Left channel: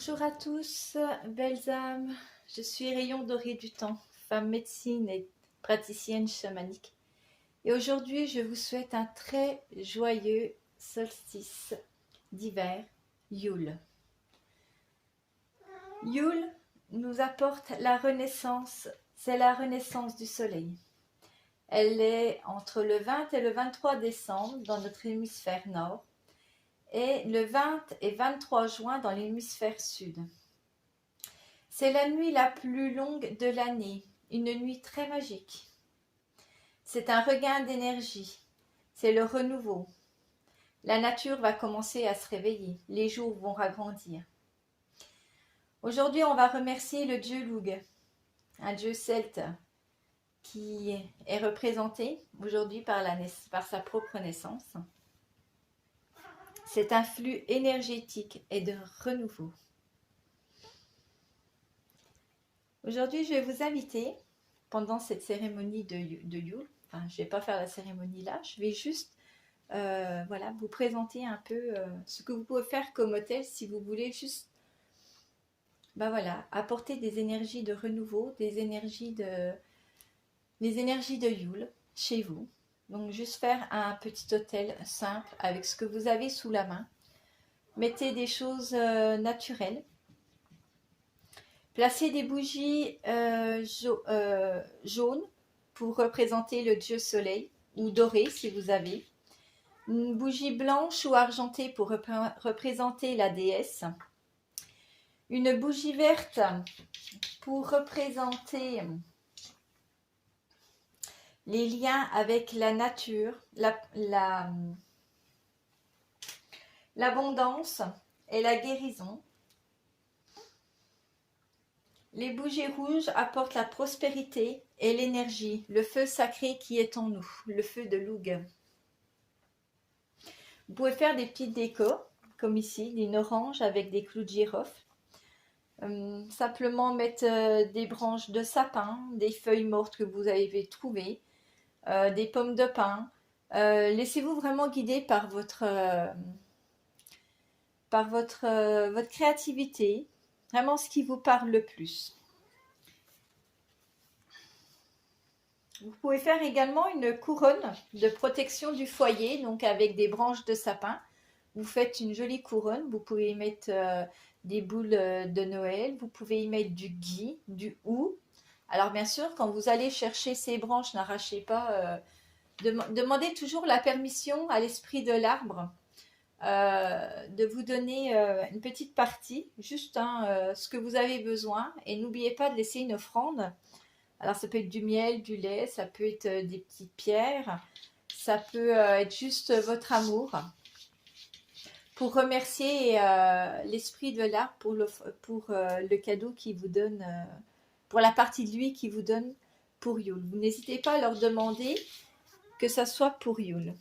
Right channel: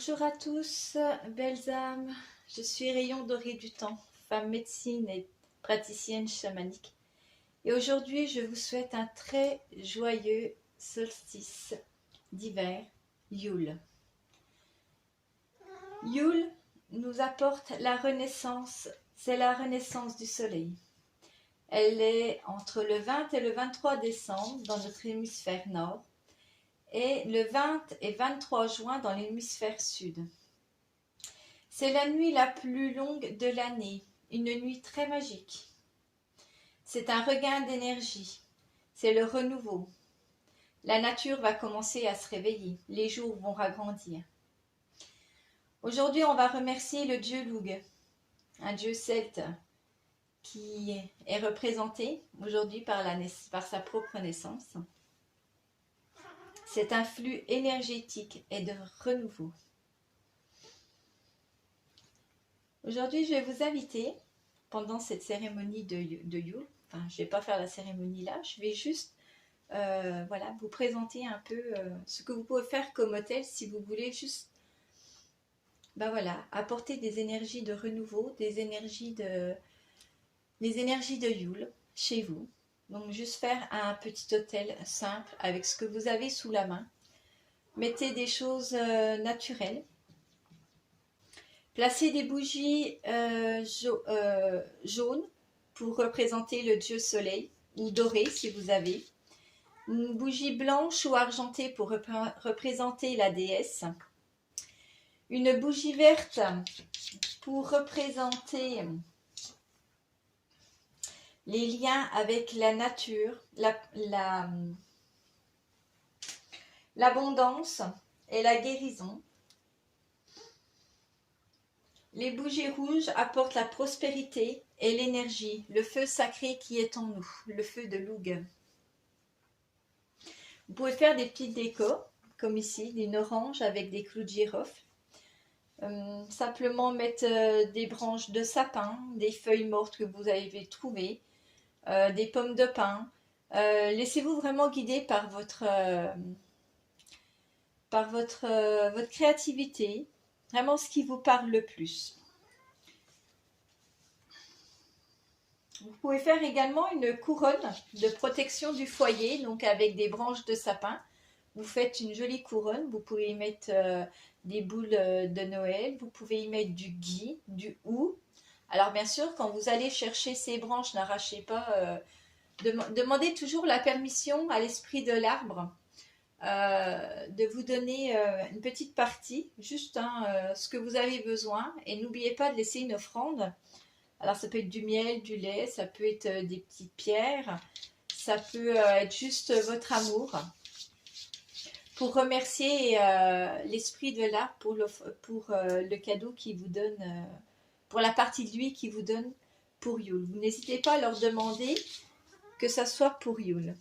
Bonjour à tous, belles âmes. Je suis Rayon Doré du Temps, femme médecine et praticienne chamanique. Et aujourd'hui, je vous souhaite un très joyeux solstice d'hiver, Yule. Yule nous apporte la renaissance, c'est la renaissance du soleil. Elle est entre le 20 et le 23 décembre dans notre hémisphère nord et le 20 et 23 juin dans l'hémisphère sud. C'est la nuit la plus longue de l'année, une nuit très magique. C'est un regain d'énergie, c'est le renouveau. La nature va commencer à se réveiller, les jours vont ragrandir. Aujourd'hui, on va remercier le dieu Lugh, un dieu celte qui est représenté aujourd'hui par sa propre naissance. C'est un flux énergétique et de renouveau. Aujourd'hui, je vais vous inviter, pendant cette cérémonie de Yule, enfin, je ne vais pas faire la cérémonie là, je vais juste vous présenter un peu ce que vous pouvez faire comme hôtel si vous voulez juste apporter des énergies de renouveau, les énergies de Yule chez vous. Donc juste faire un petit hôtel simple avec ce que vous avez sous la main. Mettez des choses naturelles. Placez des bougies jaunes pour représenter le dieu soleil, ou doré si vous avez. Une bougie blanche ou argentée pour représenter la déesse. Une bougie verte pour représenter les liens avec la nature, l'abondance et la guérison. Les bougies rouges apportent la prospérité et l'énergie, le feu sacré qui est en nous, le feu de Lugh. Vous pouvez faire des petites décos, comme ici, une orange avec des clous de girofle. Simplement mettre des branches de sapin, des feuilles mortes que vous avez trouvées, des pommes de pin. Laissez-vous vraiment guider par votre créativité, vraiment ce qui vous parle le plus. Vous pouvez faire également une couronne de protection du foyer, donc avec des branches de sapin. Vous faites une jolie couronne, vous pouvez y mettre des boules de Noël, vous pouvez y mettre du gui, du hou. Alors bien sûr, quand vous allez chercher ces branches, n'arrachez pas, demandez toujours la permission à l'esprit de l'arbre de vous donner une petite partie, juste ce que vous avez besoin. Et n'oubliez pas de laisser une offrande. Alors ça peut être du miel, du lait, ça peut être des petites pierres, ça peut être juste votre amour. Pour remercier l'esprit de l'arbre pour le cadeau qu'il vous donne, pour la partie de lui qu'il vous donne pour Yule. Vous n'hésitez pas à leur demander que ça soit pour Yule.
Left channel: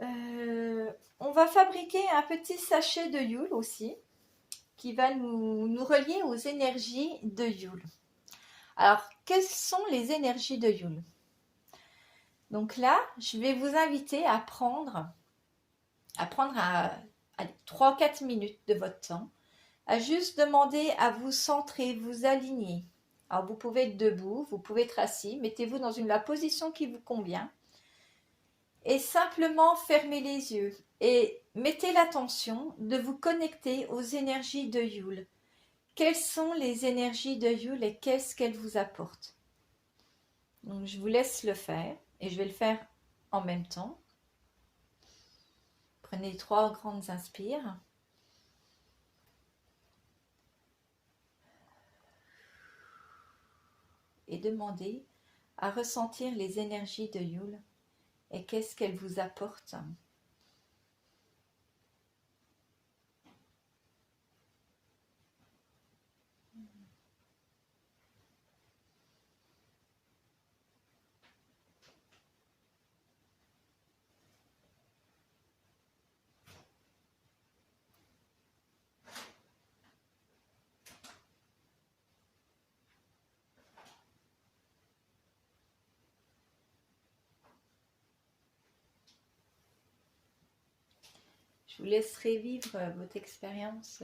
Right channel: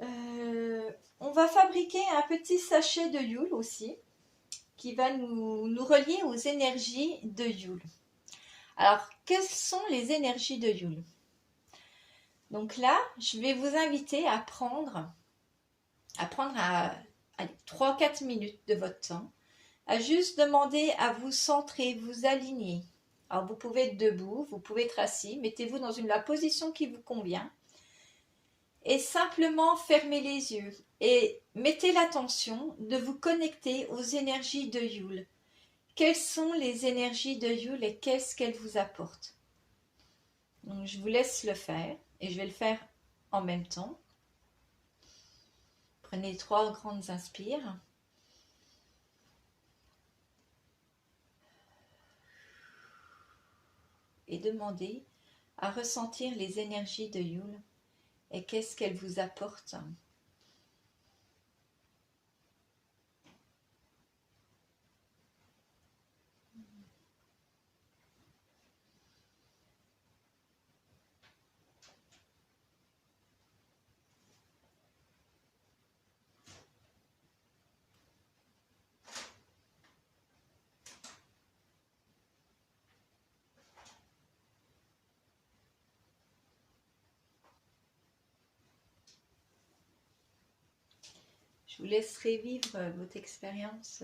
On va fabriquer un petit sachet de Yule aussi, qui va nous relier aux énergies de Yule. Alors, quelles sont les énergies de Yule? Donc là, je vais vous inviter à prendre 3-4 minutes de votre temps, à juste demander à vous centrer, vous aligner. Alors, vous pouvez être debout, vous pouvez être assis, mettez-vous dans la position qui vous convient. Et simplement fermez les yeux et mettez l'attention de vous connecter aux énergies de Yule. Quelles sont les énergies de Yule et qu'est-ce qu'elles vous apportent? Donc je vous laisse le faire et je vais le faire en même temps. Prenez 3 grandes inspires. Et demandez à ressentir les énergies de Yule et qu'est-ce qu'elles vous apportent. vous laisserai vivre votre expérience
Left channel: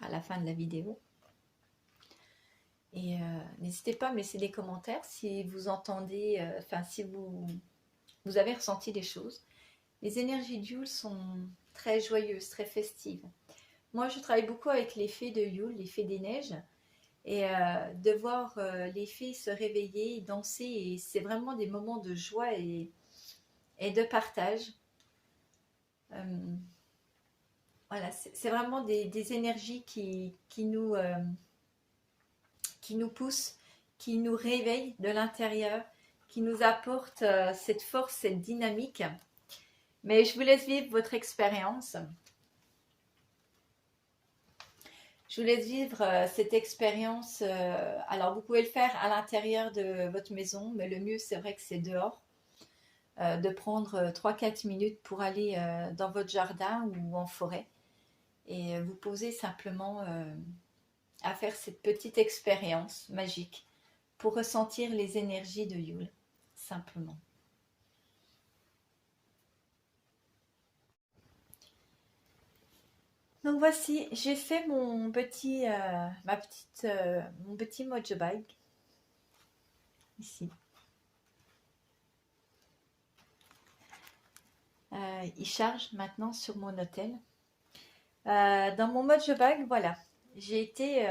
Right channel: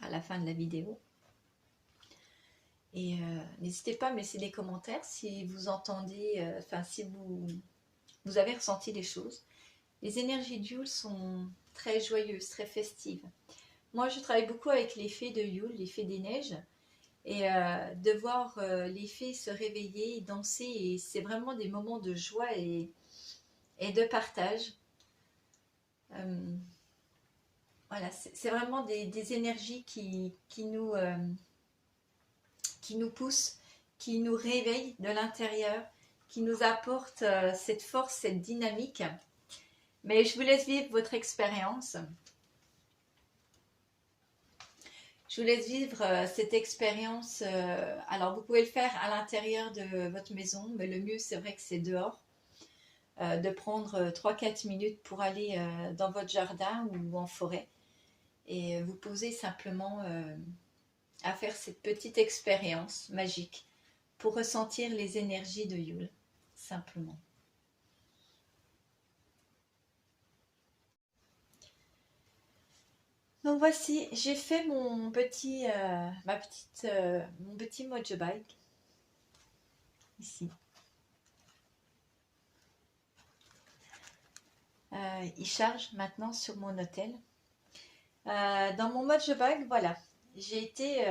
à la fin de la vidéo. Et n'hésitez pas à me laisser des commentaires si vous entendez, si vous avez ressenti des choses. Les énergies de Yule sont très joyeuses, très festives. Moi, je travaille beaucoup avec les fées de Yule, les fées des neiges. Et de voir les fées se réveiller, danser, et c'est vraiment des moments de joie et de partage. Voilà, c'est vraiment des énergies qui nous poussent, qui nous réveillent de l'intérieur, qui nous apportent cette force, cette dynamique. Mais je vous laisse vivre votre expérience. Je vous laisse vivre cette expérience. Alors, vous pouvez le faire à l'intérieur de votre maison, mais le mieux, c'est vrai que c'est dehors. De prendre 3-4 minutes pour aller dans votre jardin ou en forêt et vous poser simplement à faire cette petite expérience magique pour ressentir les énergies de Yule, simplement. Donc voici, j'ai fait mon petit Mojo Bike ici. Il charge maintenant sur mon hôtel. Dans mon Mojo Bag, voilà, j'ai été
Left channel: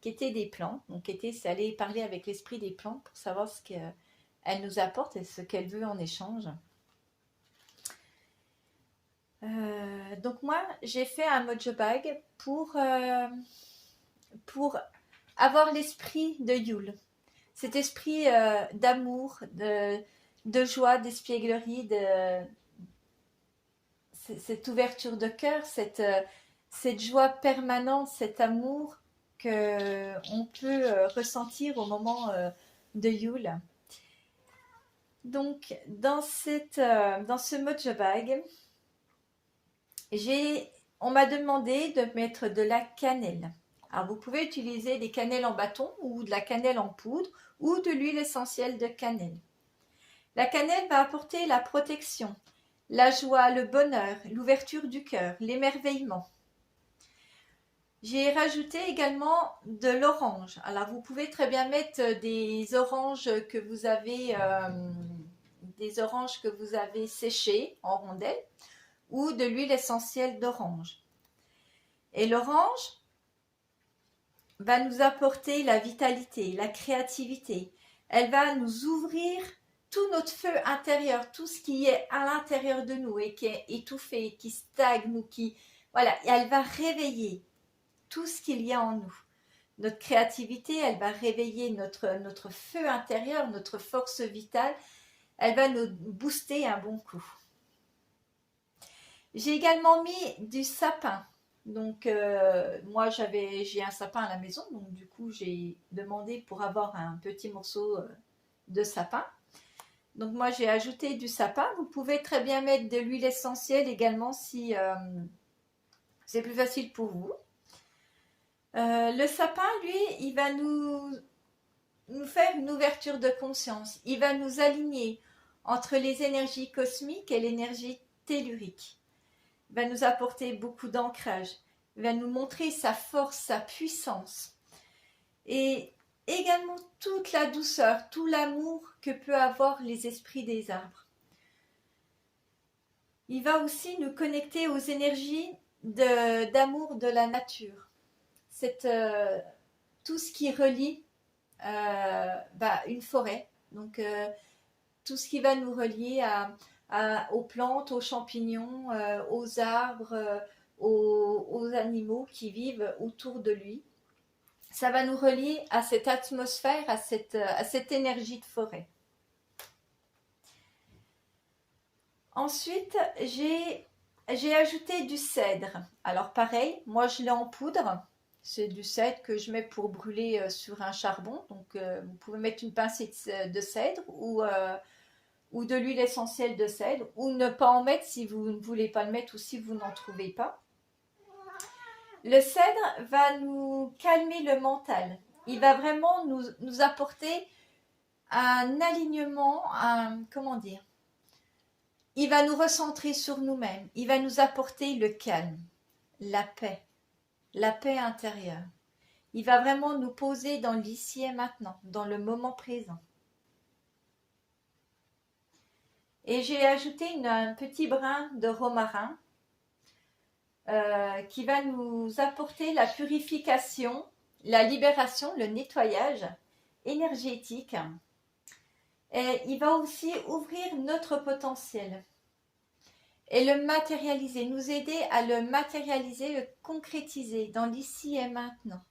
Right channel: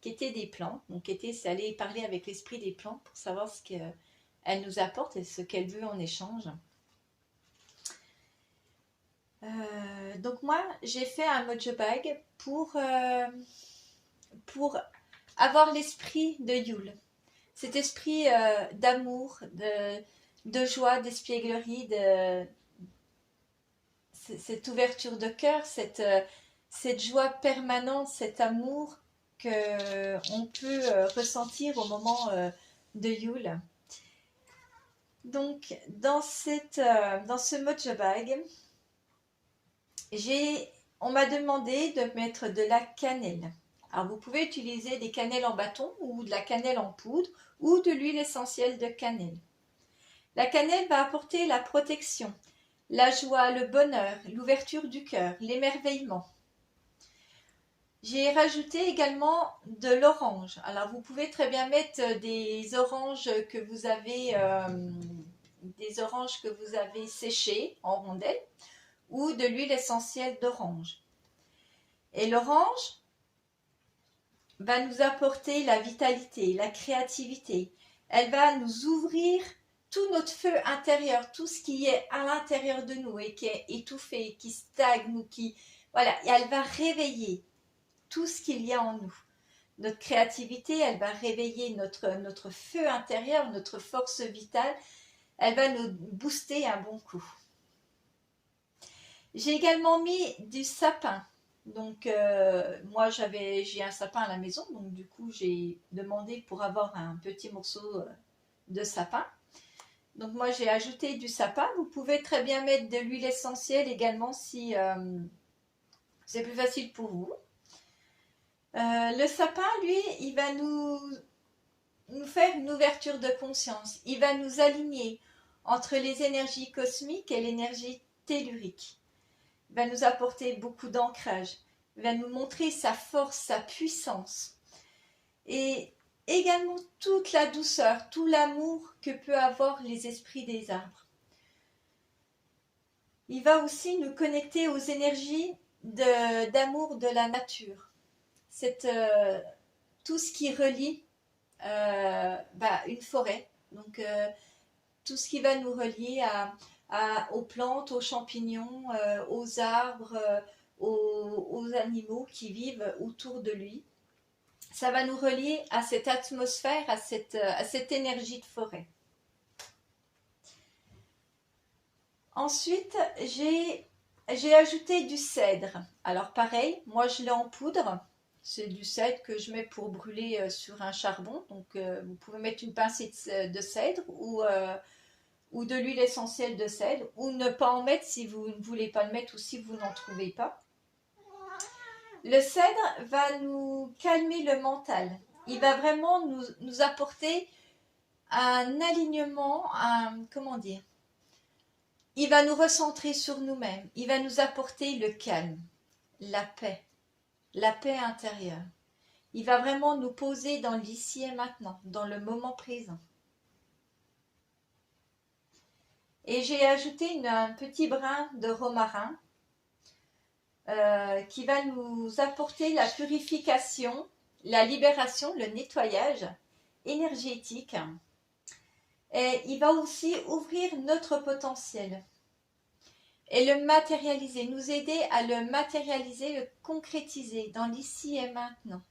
quêter des plans. Donc c'est aller parler avec l'esprit des plans pour savoir ce qu'elle nous apporte et ce qu'elle veut en échange. Donc moi, j'ai fait un Mojo Bag pour avoir l'esprit de Yule. Cet esprit d'amour, de joie, d'espièglerie, cette ouverture de cœur, cette joie permanente, cet amour qu'on peut ressentir au moment de Yule. Donc, dans ce Mojo Bag, on m'a demandé de mettre de la cannelle. Alors, vous pouvez utiliser des cannelles en bâton ou de la cannelle en poudre ou de l'huile essentielle de cannelle. La cannelle va apporter la protection, la joie, le bonheur, l'ouverture du cœur, l'émerveillement. J'ai rajouté également de l'orange. Alors, vous pouvez très bien mettre des oranges que vous avez séchées en rondelles ou de l'huile essentielle d'orange. Et l'orange va nous apporter la vitalité, la créativité. Elle va nous ouvrir tout notre feu intérieur, tout ce qui est à l'intérieur de nous et qui est étouffé, qui stagne ou voilà, et elle va réveiller tout ce qu'il y a en nous. Notre créativité, elle va réveiller notre feu intérieur, notre force vitale. Elle va nous booster un bon coup. J'ai également mis du sapin. Donc, moi, j'ai un sapin à la maison. Donc, du coup, j'ai demandé pour avoir un petit morceau de sapin. Donc, moi, j'ai ajouté du sapin. Vous pouvez très bien mettre de l'huile essentielle également si c'est plus facile pour vous. Le sapin, lui, il va nous faire une ouverture de conscience. Il va nous aligner entre les énergies cosmiques et l'énergie tellurique. Il va nous apporter beaucoup d'ancrage. Il va nous montrer sa force, sa puissance. Et également toute la douceur, tout l'amour que peut avoir les esprits des arbres. Il va aussi nous connecter aux énergies d'amour de la nature. Tout ce qui relie une forêt. Donc, tout ce qui va nous relier aux plantes, aux champignons, aux arbres, aux animaux qui vivent autour de lui. Ça va nous relier à cette atmosphère, à cette énergie de forêt. Ensuite, j'ai ajouté du cèdre. Alors pareil, moi je l'ai en poudre. C'est du cèdre que je mets pour brûler sur un charbon. Donc vous pouvez mettre une pincée de cèdre ou de l'huile essentielle de cèdre, ou ne pas en mettre si vous ne voulez pas le mettre ou si vous n'en trouvez pas. Le cèdre va nous calmer le mental. Il va vraiment nous apporter un alignement, il va nous recentrer sur nous-mêmes. Il va nous apporter le calme, la paix intérieure. Il va vraiment nous poser dans l'ici et maintenant, dans le moment présent. Et j'ai ajouté un petit brin de romarin qui va nous apporter la purification, la libération, le nettoyage énergétique. Et il va aussi ouvrir notre potentiel et le matérialiser, nous aider à le matérialiser, le concrétiser dans l'ici et maintenant.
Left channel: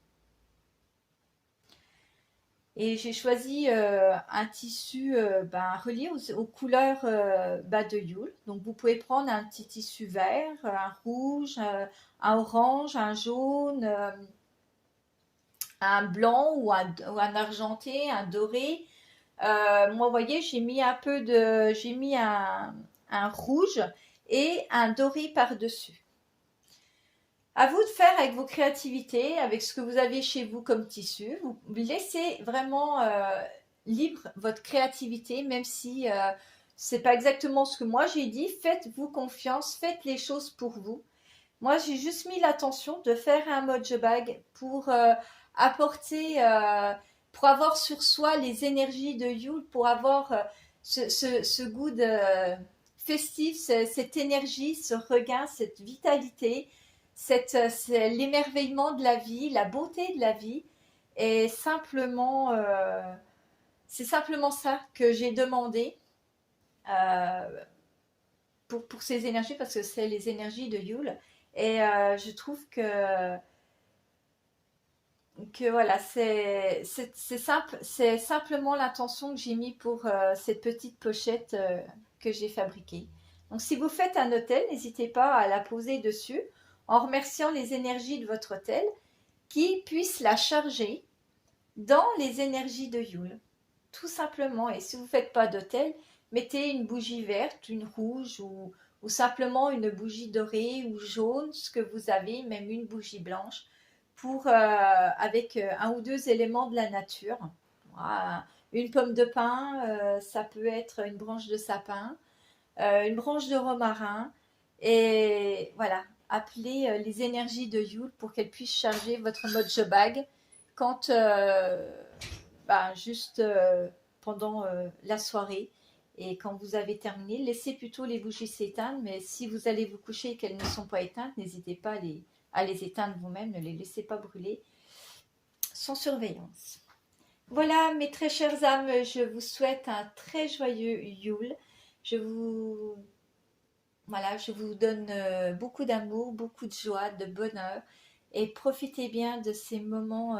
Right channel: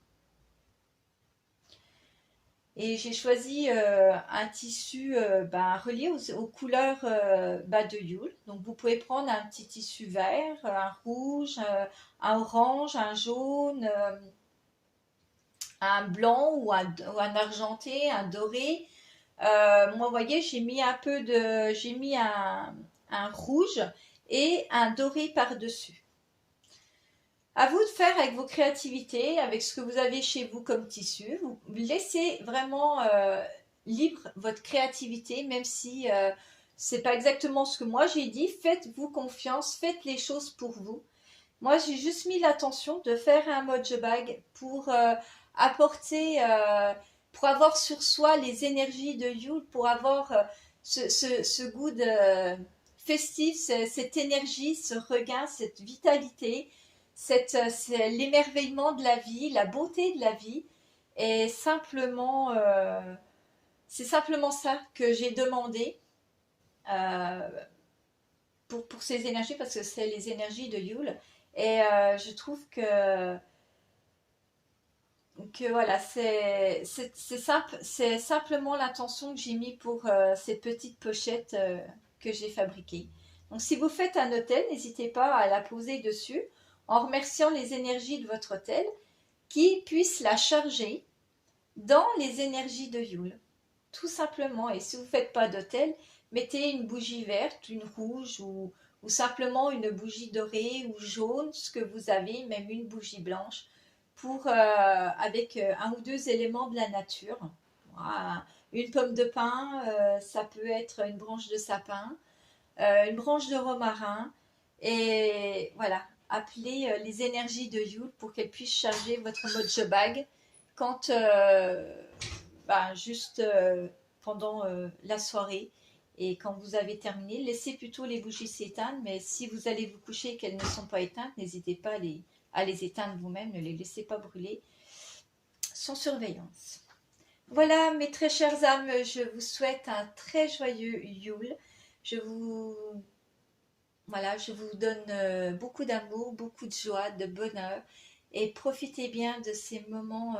Et j'ai choisi un tissu relié aux couleurs de Yule. Donc vous pouvez prendre un petit tissu vert, un rouge, un orange, un jaune, un blanc ou un argenté, un doré. Moi, vous voyez, j'ai mis un rouge et un doré par-dessus. À vous de faire avec vos créativités, avec ce que vous avez chez vous comme tissu. Vous laissez vraiment libre votre créativité, même si c'est pas exactement ce que moi j'ai dit. Faites-vous confiance, faites les choses pour vous. Moi, j'ai juste mis l'attention de faire un mojo bag pour apporter, pour avoir sur soi les énergies de Yule, pour avoir ce goût de festif, cette énergie, ce regain, cette vitalité, c'est l'émerveillement de la vie, la beauté de la vie. Et simplement, c'est simplement ça que j'ai demandé euh, pour ces énergies, parce que c'est les énergies de Yule. Et je trouve que voilà, c'est simple, c'est simplement l'intention que j'ai mis pour cette petite pochette que j'ai fabriquée. Donc si vous faites un hôtel, n'hésitez pas à la poser dessus en remerciant les énergies de votre hôtel qui puissent la charger dans les énergies de Yule. Tout simplement. Et si vous ne faites pas d'hôtel, mettez une bougie verte, une rouge ou simplement une bougie dorée ou jaune, ce que vous avez, même une bougie blanche, avec un ou deux éléments de la nature. Voilà. Une pomme de pin, ça peut être une branche de sapin, une branche de romarin, et voilà, appelez les énergies de Yule pour qu'elles puissent charger votre mojo bag quand juste pendant la soirée. Et quand vous avez terminé, laissez plutôt les bougies s'éteindre, mais si vous allez vous coucher et qu'elles ne sont pas éteintes, n'hésitez pas à les éteindre vous-même, ne les laissez pas brûler sans surveillance. Voilà, mes très chères âmes, je vous souhaite un très joyeux Yule. Je vous donne beaucoup d'amour, beaucoup de joie, de bonheur, et profitez bien de ces moments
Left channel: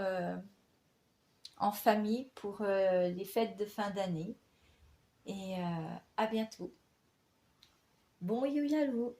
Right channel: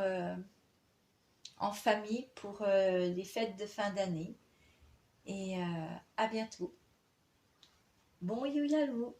en famille pour les fêtes de fin d'année. Et à bientôt. Bon Yule à vous.